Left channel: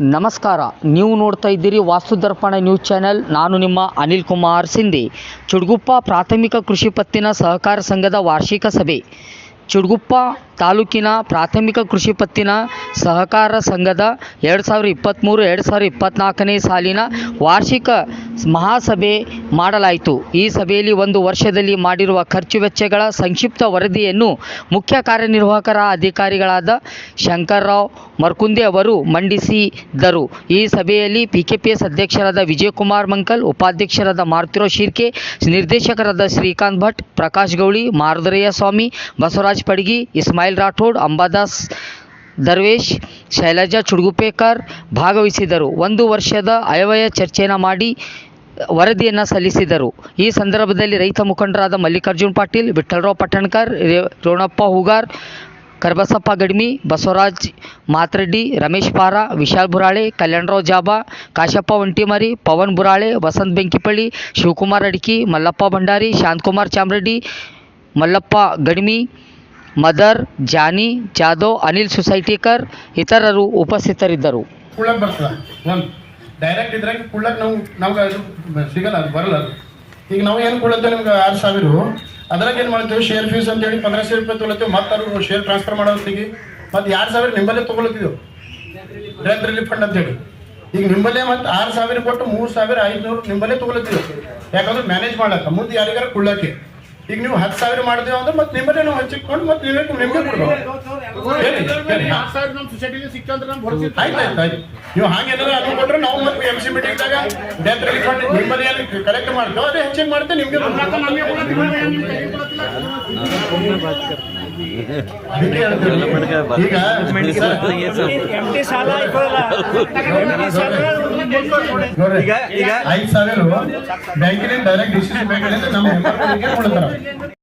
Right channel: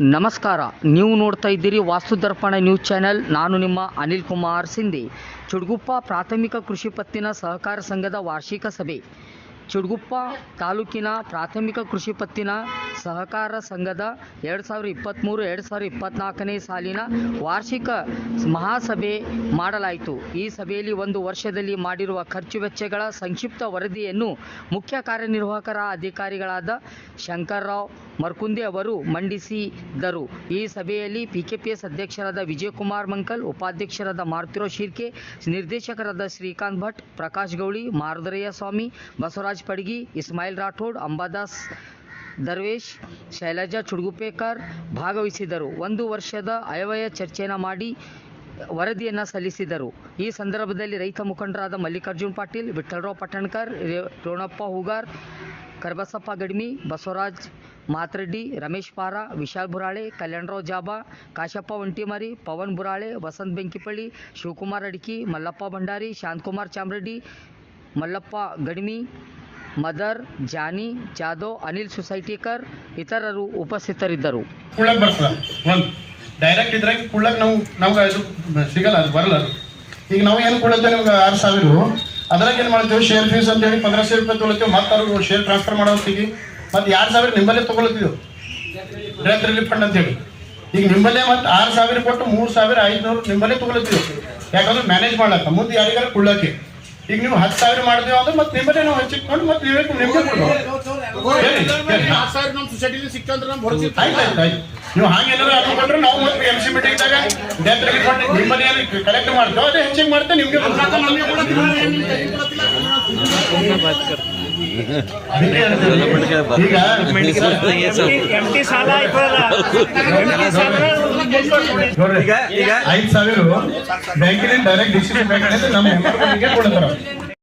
ನಮಸ್ಕಾರ. ನೀವು ನೋಡ್ತಾ ಇದ್ದೀರಿ ವಾಸ್ತು ದರ್ಪಣ ನ್ಯೂಸ್ ಚಾನೆಲ್. ನಾನು ನಿಮ್ಮ ಅನಿಲ್ ಕುಮಾರ್ ಸಿಂಧಿ. ಚುಡ್ಗುಪ್ಪ ಪ್ರಾಥಮಿಕ ಕೃಷಿ ಪತ್ತಿನ ಸಹಕಾರ ಸಂಘದ ವಾರ್ಷಿಕ ಸಭೆ. ಚುಡ್ಗುಪ್ಪ ತಾಲೂಕಿನ ಪ್ರಾಥಮಿಕ ಕೃಷಿ ಪತ್ತಿನ ಸಹಕಾರ ಸಂಘದ ಎರಡು ಸಾವಿರ ಇಪ್ಪತ್ತ್ಮೂರು ಎರಡು ಸಾವಿರ ಇಪ್ಪತ್ತ್ನಾಲ್ಕನೇ ಸಾಲಿನ ವಾರ್ಷಿಕ ಮಹಾಸಭೆ ಮಾಡಲಾಯಿತು. ಈ ಸಭೆಯಲ್ಲಿ ಒಂದು ವರ್ಷದಲ್ಲಿ ಮಾಡಿರುವ ಖರ್ಚು ವೆಚ್ಚಗಳ ಸಂಕ್ಷಿಪ್ತ ವರದಿಯನ್ನು ಮುಖ್ಯ ಕಾರ್ಯನಿರ್ವಾಹಕರ ಅಧಿಕಾರಿಗಳಾದ ಶಂಕರ್ರಾವ್ ಮರ್ಕುಂದೆ ಅವರು ಮಂಡಿಸಿದರು. ಈ ಸಭೆಯಲ್ಲಿ ಪಿಕೆಪಿಎಸ್ ಅಧ್ಯಕ್ಷರಾದ ವಿಜಯಕುಮಾರ್ ಮಂಕಲ್, ಉಪಾಧ್ಯಕ್ಷರಾದ ಮಾರುತಿರಾವ್ ಶಿರ್ಕೆ, ನಿರ್ದೇಶಕರಾದ ಶ್ರೀಕಾಂತ್ ಭಟ್, ಪ್ರಕಾಶ್ ಗೌಳಿ, ಮಾರುದರಯ್ಯ ಸ್ವಾಮಿ, ಬಸವರಾಜ್ ಪಡ್ಗಿ ಇಸ್ಮಾಯಿಲ್ ರಾಠೋಡ್ ಅಂಬಾದಾಸ್ ದರ್ವೇಶ್ ಶೈಲಜಾ ಚುಡ್ಗುಪೇಕರ್ ಭಾಗವಹಿಸಿದರು ಒಂದು ವರ್ಷದ ಅಯವಯ ಚರ್ಚೆಯನ್ನು ಮಾಡಿ ವರದಿಯನ್ನು ಸಲ್ಲಿಸಿದರು ಈ ಸಂದರ್ಭದಲ್ಲಿ ರೈತ ಮುಖಂಡರಾದ ಮಲ್ಲಿಕಾರ್ಜುನ್ ಪಾಟೀಲ್, ವಿಠ್ಠಲರಾವ್ ಪಟ್ಟಣ್ಕರ್ ರೋಣಪ್ಪ ಹೂಗಾರ್, ಕರ್ಬಸಪ್ಪ ಗಡ್ಮಿ, ಬಸವರಾಜ್ ಮಾತ್ರೆಡ್ಡಿ, ರಮೇಶ್ ಪಾರ, ವಿಶಾಲ್ ಬುರಾಳೆ, ಕಲ್ಯಾಣರಾವ್ ಜಾಬಾ, ಕಾಶಪ್ಪ ಒಂಟಿಮರಿ, ಪವನ್ ಬುರಾಳೆ, ವಸಂತ್ ಬೆಂಕಿಪಳ್ಳಿ, ಶಿವಕುಮಾರ್ ಅಡ್ಕಿ, ಮಲ್ಲಪ್ಪ ಭಂಡಾರಿ, ಶಾಂತಕುಮಾರ್ ಚಾಮರೆಡ್ಡಿ, ಮಲ್ಲಪ್ಪ ಗಡ್ಮಿ ಮದರ್, ಜಾನಿ, ಜಾಧವ್, ಅನಿಲ್ ಸೊಸೈಟಿಕರ್ ಇತರರು ಉಪಸ್ಥಿತರಿದ್ದರು. ಕುಳ್ಳಕ್ಕೆ ಒಂದು ಡೈರೆಕ್ಟ್ ಇದ್ರಾಗ ಕುಳ್ಳಕ್ ನಾವು, ನಮ್ಗೆ ಅದು ಸಿಗಲ್ಲ, ಅದು ಬರಲ್ಲ ಅದು. ಈಗ ನಾವು ಏನು ಕೊಡುತ್ತೆ ನಿಮ್ಗೆ ಆರು ಸಾವಿರ ಅದ್ರಾಗ ಏನು ಮಾಡ್ತೀವಿ? ಶೇರ್ ಫೀಸ್ ಅಂತ ಹೇಳಿ ಸಾವಿರ ರೂಪಾಯಿ ತೊಗೊಳ್ತೀವಿ ಮತ್ತೆ ಅವ್ರು ಶೇರ್ ಟ್ರಾನ್ಸ್ಫರ್ ಮಾಡೋ ಮತ್ತು ಎರಡು ಸಾವಿರ ನಿಮ್ಮಲ್ಲೇ ತೊಗೊಳತ್ತಿದ್ದೆವು ಡೆತ್ ರಿಲೀಫ್ ಫಂಡ್ ಅಂತೇಳಿ. ಈಗ ನಿಮ್ಮಲ್ಲೇ ಮತ್ತೆ ಆರು ಸಾವಿರ ಕೊಟ್ಟು ಮೂರು ಸಾವಿರ ಐದುನೂರು ನಿಮ್ಮಲ್ಲೇ ತೊಗೊಳತ್ತೀವಿ ಯಾಕಂದ್ರೆ ಮ್ಯಾನೇಜ್ ಮಾಡ್ಲಕ್ಕ. ಮುಂದೆ ಯಾರಿಗಾರ ಕುಳ್ಳಕ್ಕೆ ಈಗ ನೀವು ಹತ್ತು ಸಾವಿರ ಮಾಡಿದೀವಿ ಅಂದ್ರೆ ಮತ್ತೆ ನಿಮ್ಮನ್ನೇ ನಾವು ಹಚ್ಚಿಟ್ಕೊಂಡು ಮತ್ತೆ ನಿಮಗೆ ಕೊಡ್ಬೋದು ನೀವು ಹಾಗೆ ಏನಾದ್ರು ಅದು ಕೊಟ್ರೆ ನಾವು ಮತ್ತೆ ಎಂ ಸಿ ಮೀಟಿಂಗ್ದಾಗ ಡೆತ್ ರಿಫಂಡ್ ನಿಮ್ಮಲ್ಲಿ ಏನು ಕಲೆಕ್ಟ್ ಮಾಡ್ತೇವೆ ಅದೇ ಹೆಚ್ಚಿಗೆ ನಿಮ್ಗೆ. ಈಗ ಐದು ಸಾವಿರ ಬ್ಯಾಂಕಿನಿಂದ ಡೈರೆಕ್ಟ್ ಡಿಸಿಷನ್ ಬ್ಯಾಂಕ್ ನಮ್ಮ ಕೊಡ್ತಾರೆ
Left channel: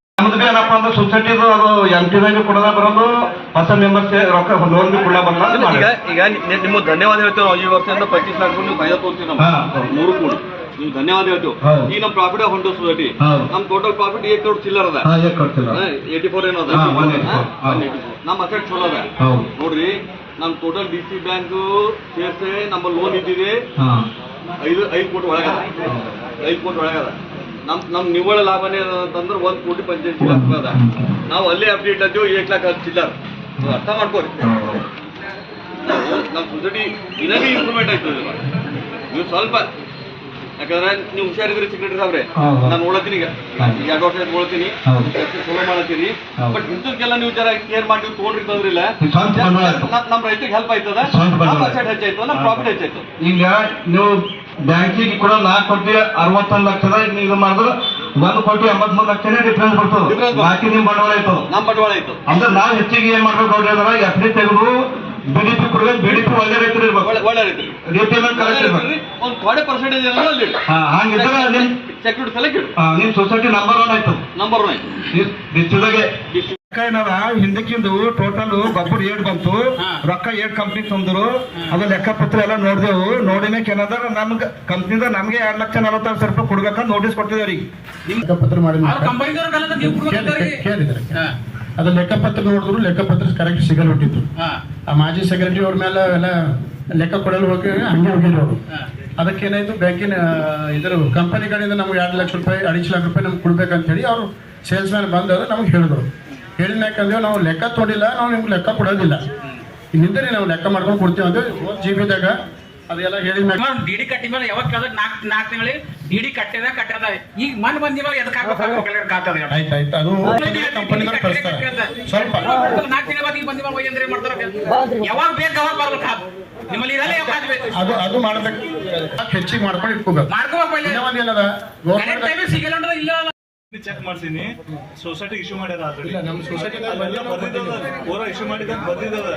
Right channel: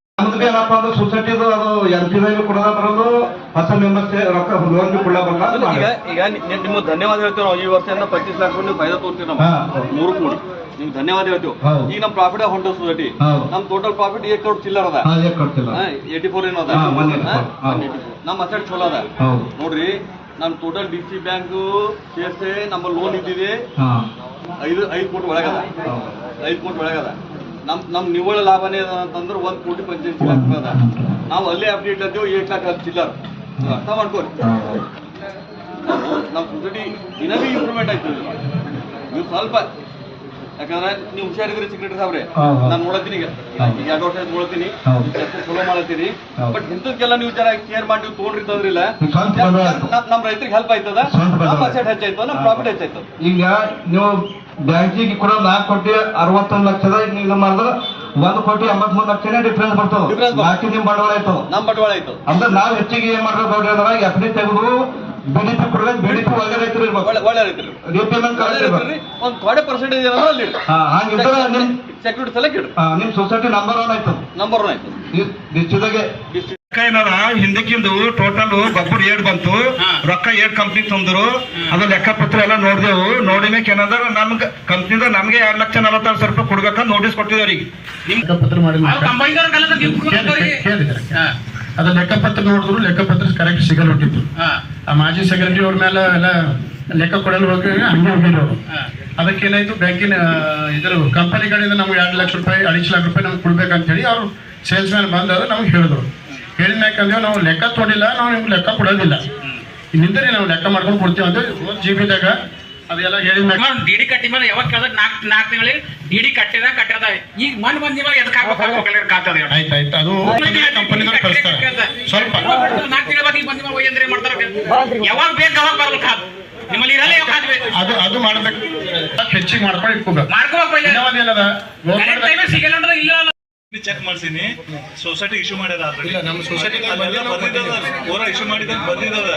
ನಮ್ದು ಏನಪ್ಪ ಅಂದ್ರೆ ಸೊಸೈಟಿದು ಅದು ಎಂ ಟಿ ವೈನು ಕೊಡೋದ ಬರೋದು ಹೊಸ ಮೆಂಬರ್ಸ್ ರೊಕ್ಕ ಲೋನ್ ಕೂಡ ಬರಲ್ಲ ಈಗ ಈಗ ನಿಮ್ಗೆ ಧನ್ಯವಾದ ಹೇಳ್ತೇವೆ ನಾವು ಈ ವರ್ಷದಿಂದ ಪಚ್ಚೀಸ್ ಲಕ್ಷ ನೀವು ಫೈದಾ ತೋರ್ತೀವಿ ನಾವು ಮೂರು ಕೋಟಿ ನೀವು ಧನ್ಯವಾದ ಹೇಳ್ತೀವಿ. ಈ ಈಗ ನಮ್ಮ ಪ್ರಾಫಿಟ್ ಹೊಂಟ ಸೊಸೈಟಿ. ನಮ್ಮ ನಮ್ ಟೋಟಲ್ ಪ್ರಾಫಿಟ್ ಏಟ್ ಕೋಟಿ ಚಿಲ್ಲರ್ ಅದ. ಏಯ್ಟಿ ಏಟಿ ಫೋರ್ ಏನೋ ಅದ. ಹಾ, 184, ಹಾ, ಹೌದು. 184. ನಮ್ಮ ಅಸೆಟ್ ಚಲೋ ಅದ. ನೋಡ್ರಿ ನಮ್ಮ ಟೋಟಲ್ ಡಿ ಸಿ ಬ್ಯಾಂಕ್ ಸೇರ್ಸೆ ನಮ್ಮ ಲೋನ್ ಇದ್ದಿದೆ. ಐದು ಐದು ಕೋಟಿ ಒಳಗದ. ಐದು ಕೋಟಿ ಒಳಗದ. ನಮ್ ನಮ್ ನಿವ್ವಳ ಲಾಭನೇ ಅಂತಂದ್ರೆ ಒಂದ್ ಕೋಟಿ ಪಂಚಾಯತ್ ಆಗ್ತದ ನಾವು ಅಲ್ಲೇ ಅಪ್ಡೇಟ್ ಅದೇವು ಏಟ್ ಲಾಖ ಚಿಲ್ಲರ್ ನೀವು ಅರ್ಥ ಮಾಡ್ಕೋರಿ. ನಮ್ ಸೊಸೈಟಿ ದಿನವೇ ಇಂಪ್ರೂವ್ಮೆಂಟ್ ಆಗ್ತದೆ. ನೀವು ಸ್ವಲ್ಪ ಯಾಕಂದ್ರೆ ನೀವು ಹುಷಾರಿದ್ರೆ ಸೆಕ್ರೆಟರಿ ಸಾವ್ರೆ. ನಾನು ನೋಡತ್ತೀನಿ ಈಗ. ಎರಡು ವರ್ಷ ನೋಡ್ತೀನಿ ಹೌದು. ಮಾಡ್ತೀನಿ ಮಾಡತ್ತೀನಿ. ಬಟ್ ಇಂಥಕ್ಕೆಲ್ಲ ನೀವು ಜರ ಕೇರ್ ಮಾಡಿ ನೀವು ಆಯ್ತು. ನಮ್ ನಮ್ಮ ರೈತರಿಗೆ ಹೆಲ್ಪ್ ಆಯ್ತದ? ಹೆಚ್ಚಾಯ್ತು ನಮ್ಮ ಪ್ರಾಫಿಟ್ ಹೆಚ್ಚಾಯ್ತು ಈಗ ನೀವು ಬ್ಯಾಂಕಿಗೆ ಕೂಡ ನಾಲ್ಕು ಕೋಟಿ ಅರವತ್ತೊಂದು ಲಕ್ಷದ ಇದು ಮಾಡಿದ್ರೆ ಒಂದು ಕೋಟಿ ಎಂಬತ್ಮೂರು ಲಕ್ಷನೇ ಡಿಫ್ರೆನ್ಸ್ ಬರ್ತದೆ. ಬಾಕಿ ನಿಮ್ ಬಂಡವಾಳ ಆಯ್ತು ನಮ್ಮ ಬಂಡವಾಳ ಆಯ್ತು ಅಂದ್ರೆ ನಾವು ಹೆಚ್ಚಿಗೆ ಏನ್ ಮಾಡ್ಬೇಕು ನೋಡ್ರಿ ಅಂದ್ರೆ ಎಫ್ ಡಿ ತೆಗೆದು ಬಿಡಿಪಿ ಡಿ ಬಿಡಿಪಿ ಒಳ್ಳೆ ರೈತರು ಇರ್ಬೇಕು ಒಳ್ಳೆ ರೈತರು ರಿಪೇಮೆಂಟ್ ಕರೆಕ್ಟ್ ಇರ್ಬೇಕು ಒಂದು ಥೋಡೆ ಪರ್ಸೆಂಟೇಜ್ ಏನಾದ್ರು ಅಲ್ಲಿ ಹಂಗಿದ್ರೆ ನಿಮ್ ಸೆಕ್ಯೂರಿಟಿ ಸೆಲೆಕ್ಟ್ ನಿಮ್ ಸೊಸೈಟಿ ನಂಬರ್ ಒನ್ ಆಯ್ತು ನಂಬರ್ ಒನ್ ಆಯ್ತು ಡಿಸ್ಟ್ರಿಕ್ಟ್ದಾಗೆ ಏನಾರ ಹಿಂದಕ್ಕಿಂದು ಟೋಟಲ್ ಬಬ್ಬರ್ ಏಡ್ ಬಂತು. ರೊಕ್ಕ ಏಟ್ ಕಂಪ್ನಿ ತಂದ್ರು. ಅದು ಲೆಕ್ಕಪತ್ರ ಎಲ್ಲ ನೋಡಿದೆವು. ನೋಡಿನಕ್ಕೆ ಏನದ ನಮ್ಗೆ ಕಂಪ್ನಿದ ನಮ್ಗೆ ಎರಡ್ ಲಕ್ಷ ನಲವತ್ತಾರು ಸಾವಿರ ರೂಪಾಯಿ ಕೊಡ್ಬೇಕಂತ ನೋಟಿಸ್ ಕೊಟ್ಟಿದ್ರಿ ಈಗ ಲೆಕ್ಕಪತ್ರ ಪತ್ರ ನೋಡಿದ್ರು ಲೆಕ್ಕ ಅದು ಲೆಕ್ಕಪತ್ರ ನೋಡಿದ್ರು ಲೆಕ್ಕಪತ್ರ ಕರೆಕ್ಟ್ ಸಿಗಲ್ ಹೊಟ್ಟಿತ್ತು ಆ ಮಾಜಿ ಸೆಕ್ರೆಟರಿ ಅವ್ರ ಮೇಲೆ ಎಲ್ಲ ಲೆಕ್ಕ ಕೊಡಲು ಹೋಗಿ ಹಂಗೆ ಹೋಗಿರೋರು ಅವರು ಅದಕ್ಕೇನಾಯ್ತು ಬ್ಯಾಂಕಿನ ಇದ್ರ ಕಂಪನಿ ಕಡೆಯಿಂದ ನಮ್ಗೆ ಎರಡು ಲಕ್ಷ ರೂಪಾಯಿ ಅಡಿಚ್ ಲಕ್ಷ ರೂಪಾಯಿ ನಮ್ಗೆ ಕೊಡ್ಬೇಕಂತ ಹೇಳಿ ಅವರು ಸೇಲ್ಸ್ ಮ್ಯಾನ್ ಬಂದಾಗ ನಮ್ಗೆ ಹೇಳಿದ್ರು. ಹೇಳಿದ ಮ್ಯಾಕಂದ್ರೆ ನಾವು ಲೆಕ್ಕ ತೊಡಿಲ್ಲ ನಾವು ನಿಮ್ಗೆ ಲೆಕ್ಕ ಕೊಡೋದಿಲ್ಲ. ನಿಂದರೆ ನಾವು ಲೆಕ್ಕ ಮಾಡ್ಕೊಂಡು ಕೊಡ್ತೀವಿ. ಅಂದ್ರೆ ಒಂದು ಜಿ ಬಿದಾಗ ಅದೆಲ್ಲ ಹೇಳಿದ ಮ್ಯಾಕ ಡಿ ಡಿ ಕಟ್ಟಿ ಮೇಲೆ ಯಾವಾಗ ಕೇಳ್ದ ನಾಲ್ಕು ನಾಲ್ಕು ತಿಂಗಳಿಗೆ ಡಿಡಿ ಡಿ ಕಟ್ಟಿದ ಕಟ್ಟದ. ಈಗ ಮನ್ ಬಂದಿವ ಎದಕ್ಕೆ ಹಾಕ್ಬೇಕು ಕಾತದ ಆಯ್ತು ಆಯ್ತು. ಅದು ಕಂಪನಿಗಳು ಕಳಿಸ್ತಾರೆ. ಸ್ವಲ್ಪ. ನಾಲ್ಕು ತಿಂಗಳ ಬಾಗಿ ಬಂದಿವ ಅಂದ್ರೆ ಮಾಡ್ತಾರೆ? ಯಾವಾಗ ಬೇಕು ಅವಾಗ ಬರ್ಬೇಕು ನಿಮ್ಮಲ್ಲಿ ಇರಲ್ಲ ಯಾವಾಗ ಬೇಕು? ಅದು ಅದು ಮಾಡ್ಬೇಕು. ಹೆಚ್ಚಿಗೆ ಮಾಡ್ಕೊಂಡು ಇಟ್ಕೋಬೇಕು. ಮಾಡ್ಕೋಬೇಕು ಏನದ ಸಿಗಲ್ಲ ಅಂದ್ರೆ ಇಲ್ಲ ಚೆಕ್ ಮಾಡ್ಸೀನಿ ಸೊಸೈಟಿ ಇಶ್ಯೂ ಮಾಡ್ಯಾರ ಆಲ್ರೆಡಿ. ಇಲ್ಲ ನಮ್ಮ ಸೊಸೈಟಿ ಅಲ್ಲೆಲ್ಲ ಬರ್ದಿದ್ದದ ಪೂರ ಇಶ್ಯೂ ಮಾಡಿದಾಗ ಬರ್ದಿದ್ದದ